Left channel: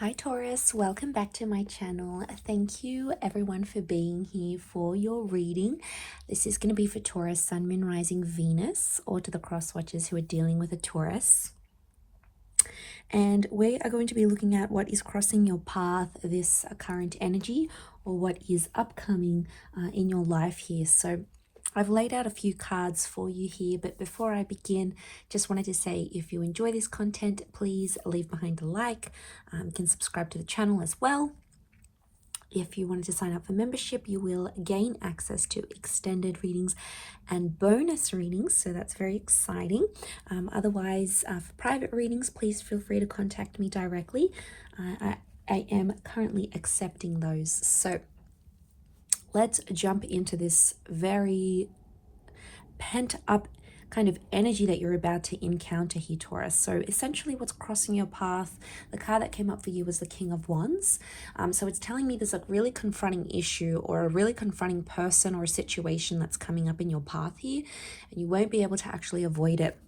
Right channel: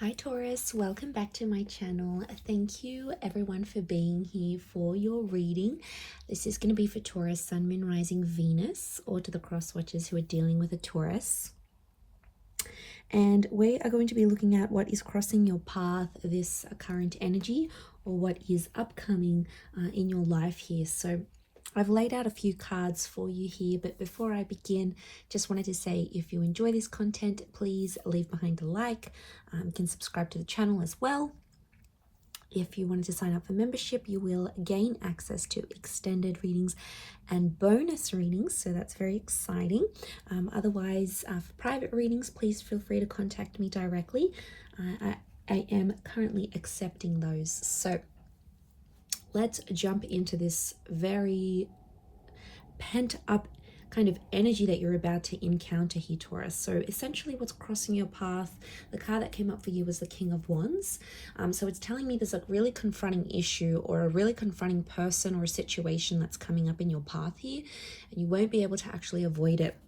Hi Taurus, welcome back to my channel. Thank you everyone for being here for your reading. This is going to be for Taurus, Sun, Moon, Rising, Venus, or to the cross watchers who are dealing with a Taurus. And we are going to be looking at what is crossing your path, this current energy, or what is upcoming in your life here. So I've laid out a few cards for you here, but before I begin, just wanted to say if you enjoy this content, please leave behind a like. You can subscribe to the channel as well. If you wanted to sign up for membership, you will gain access to extended readings and bonus readings, so that's very exciting. Otherwise, for private readings, please feel free to contact me directly. I am currently accepting those. So let's jump into this very pent up kind of energy that you're about to encounter here, Taurus. So essentially what's crossing your path, the card that came up for you was the King of Wands. So it's telling me there's a really confronting issue or a really confronting person or a situation that's coming up in your path here, and you won't be able to actually avoid it.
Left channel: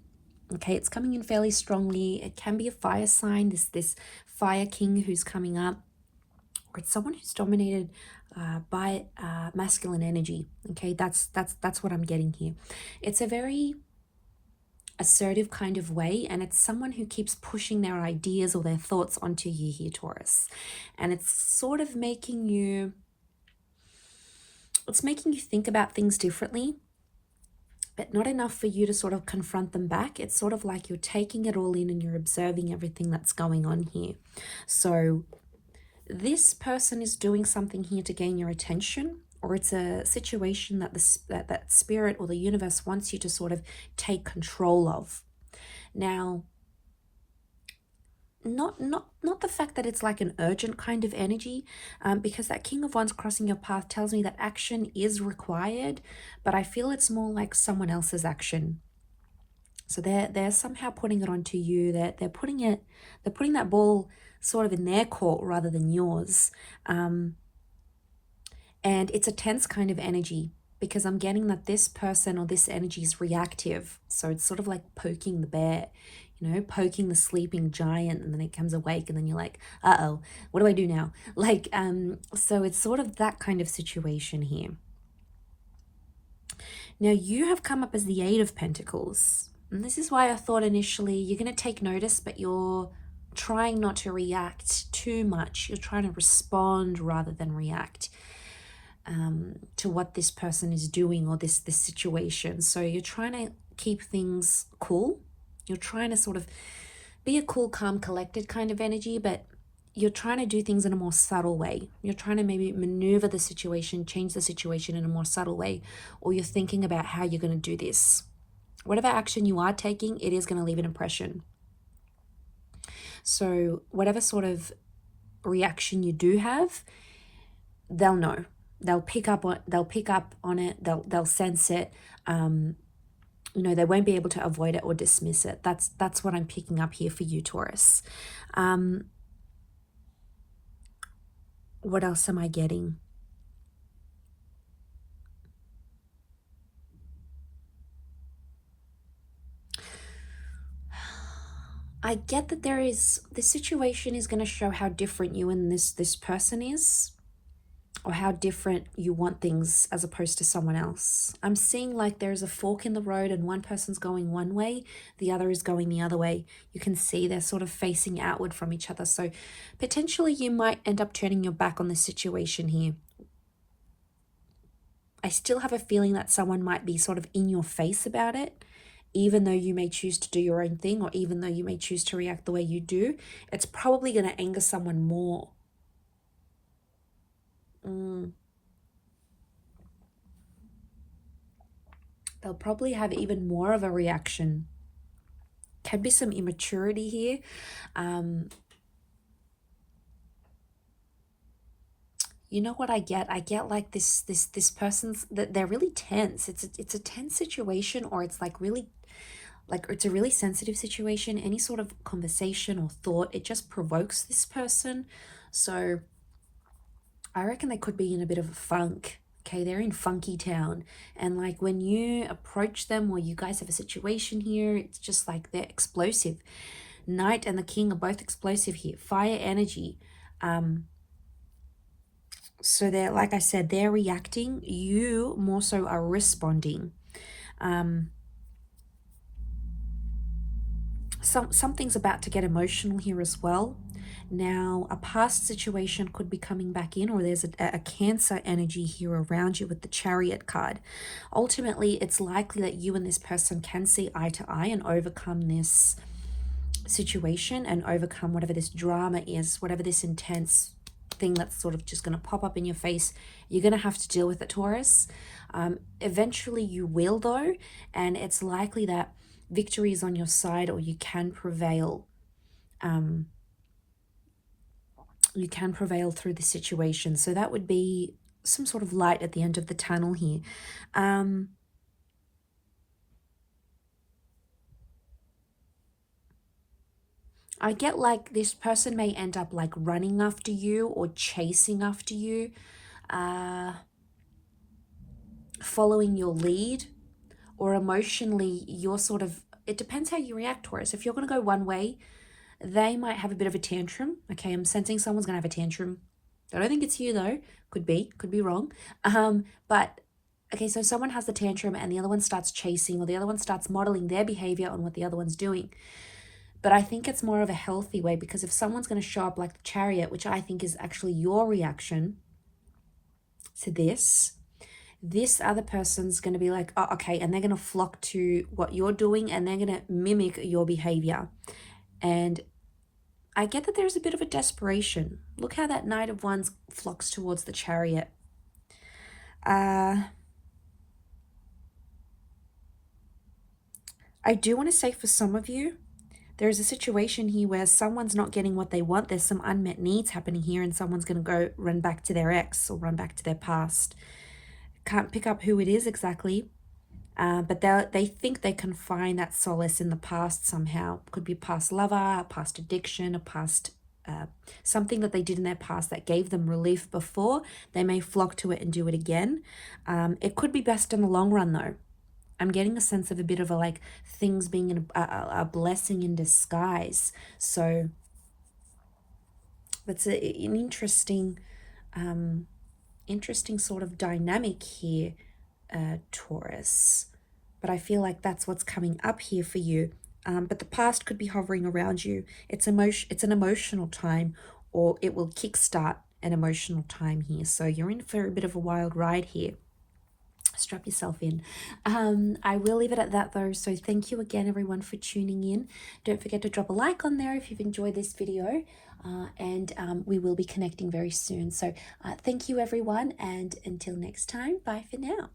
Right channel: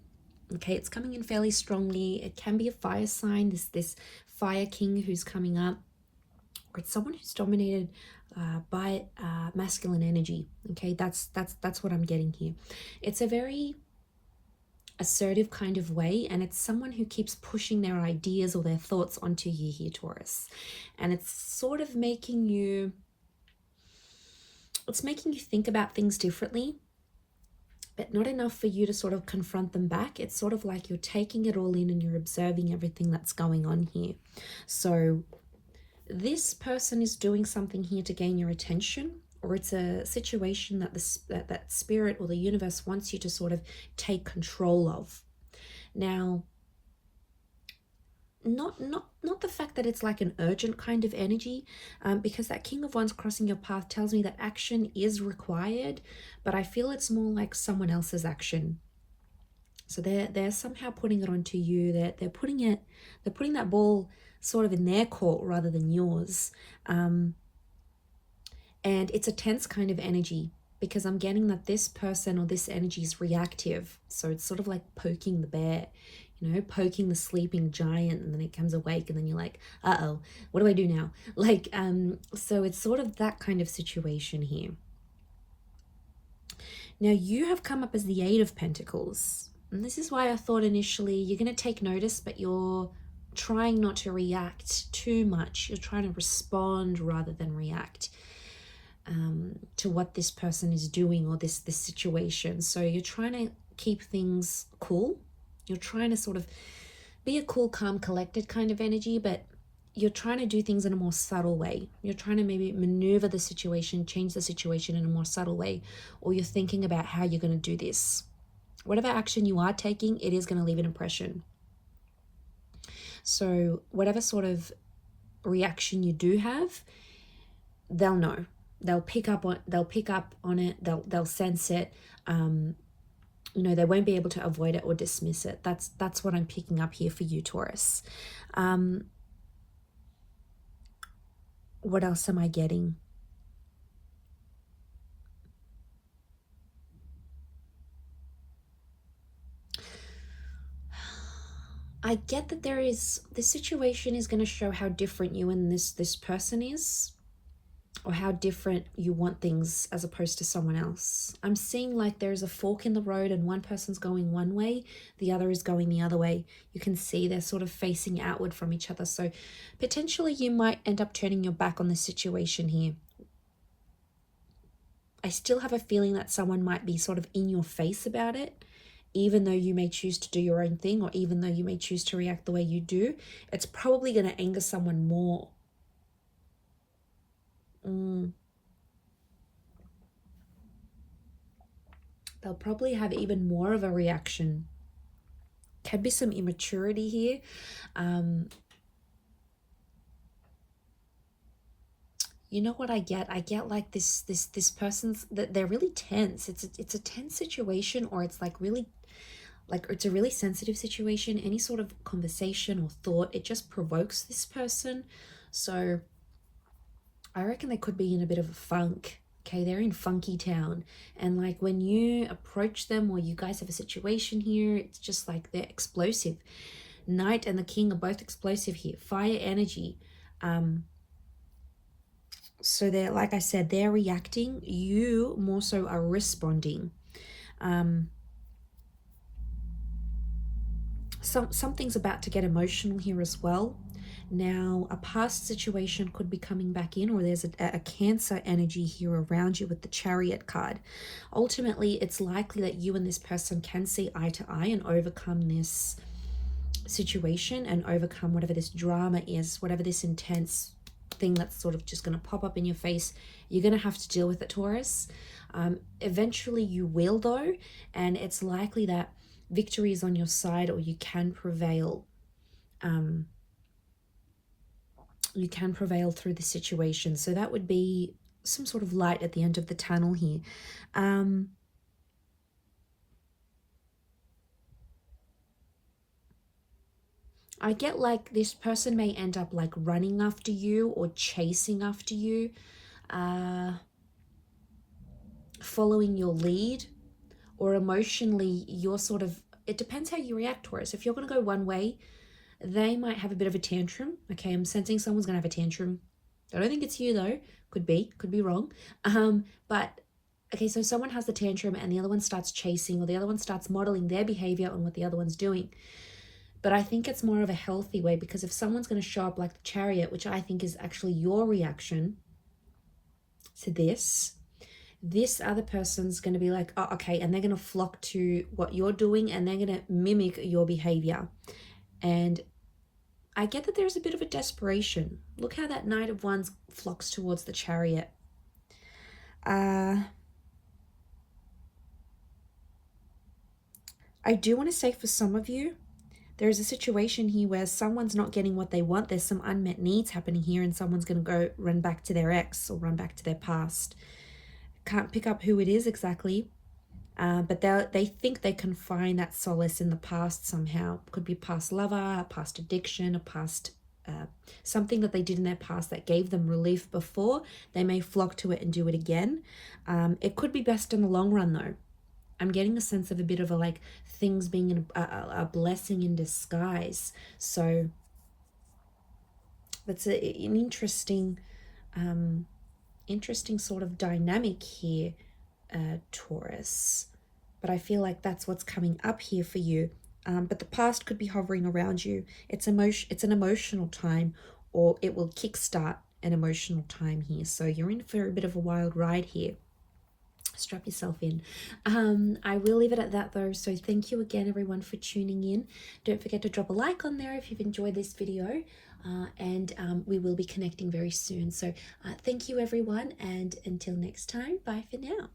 Okay, it's coming in fairly strongly. It can be a fire sign, this fire king who's coming up, or it's someone who's dominated by masculine energy. Okay, that's what I'm getting here. It's a very assertive kind of way, and it's someone who keeps pushing their ideas or their thoughts onto you here, Taurus. And it's sort of making you think about things differently, but not enough for you to sort of confront them back. It's sort of like you're taking it all in and you're observing everything that's going on here. So this person is doing something here to gain your attention, or it's a situation that that spirit or the universe wants you to sort of take control of. Now, not the fact that it's like an urgent kind of energy, because that King of Wands crossing your path tells me that action is required, but I feel it's more like someone else's action. So they're somehow putting it onto you. They're putting that ball sort of in their court rather than yours. And it's a tense kind of energy, because I'm getting that this person or this energy is reactive. So it's sort of like poking the bear, poking the sleeping giant, and then it comes awake and then you're like, uh-oh, what do I do now? So it's sort of that kind of situation here. Now you have come up as the Eight of Pentacles. And this is why I thought initially you're going to take notice, but you're trying not to react too much. You're trying to respond rather than react to what this person is doing or this situation. So you're trying to keep things cool. You're trying to sort of be a cool, calm, collected kind of energy, but you're trying to do things in a more subtle way. You're trying to maybe maneuver the situation, change the situation in a more subtle way, or you're thinking about how you're going to do this. Whatever action you are taking, it is going to leave an impression. So whatever sort of reaction you do have, they'll know. They'll pick up on it. They'll sense it. They won't be able to avoid it or dismiss it. That's what I'm picking up here for you, Taurus. What else am I getting? I get that this situation is going to show how different you and this person is, or how different you want things as opposed to someone else. I'm seeing like there's a fork in the road and one person's going one way, the other is going the other way. You can see they're sort of facing outward from each other. So potentially you might end up turning your back on the situation here. I still have a feeling that someone might be sort of in your face about it, even though you may choose to do your own thing, or even though you may choose to react the way you do. It's probably going to anger someone more. They'll probably have even more of a reaction. Can be some immaturity here. You know what I get? I get like this person's that they're really tense. It's a tense situation, or it's like really, like it's a really sensitive situation. Any sort of conversation or thought, it just provokes this person. So I reckon they could be in a bit of a funk. Okay, they're in funky town, and like when you approach them or you guys have a situation here, it's just like they're explosive. Knight and the King are both explosive here. Fire energy. So they're, like I said, they're reacting. You more so are responding. Something's about to get emotional here as well. Now, a past situation could be coming back in, or there's a Cancer energy here around you with the Chariot card. Ultimately, it's likely that you and this person can see eye to eye and overcome this situation and overcome whatever this drama is, whatever this intense thing that's sort of just going to pop up in your face. You're going to have to deal with it, Taurus. Eventually you will, though, and it's likely that victory is on your side, or you can prevail. You can prevail through the situation. So that would be some sort of light at the end of the tunnel here. I get like this person may end up like running after you or chasing after you, following your lead, or emotionally you're sort of, it depends how you react, Taurus. If you're going to go one way, they might have a bit of a tantrum. Okay, I'm sensing someone's going to have a tantrum. I don't think it's you though. Could be wrong. But okay, so someone has the tantrum and the other one starts chasing, or the other one starts modeling their behavior on what the other one's doing. But I think it's more of a healthy way, because if someone's going to show up like the Chariot, which I think is actually your reaction to this other person's going to be like, oh, okay, and they're going to flock to what you're doing and they're going to mimic your behavior. And I get that there's a bit of a desperation. Look how that Knight of Wands flocks towards the Chariot. I do want to say, for some of you, there is a situation here where someone's not getting what they want. There's some unmet needs happening here, and someone's going to go run back to their ex or run back to their past. Can't pick up who it is exactly, but they think they can find that solace in the past somehow. Could be a past lover, a past addiction, a past something that they did in their past that gave them relief before. They may flock to it and do it again. It could be best in the long run, though. I'm getting a sense of a bit of a like things being a blessing in disguise. So that's an interesting sort of dynamic here, Taurus. But I feel like that's what's coming up here for you. But the past could be hovering around you. It's an emotional time, or it will kickstart an emotional time here. So you're in for a bit of a wild ride here. Strap yourself in. I will leave it at that though. So thank you again, everyone, for tuning in. Don't forget to drop a like on there if you've enjoyed this video, and we will be connecting very soon. So thank you, everyone, and until next time, bye for now.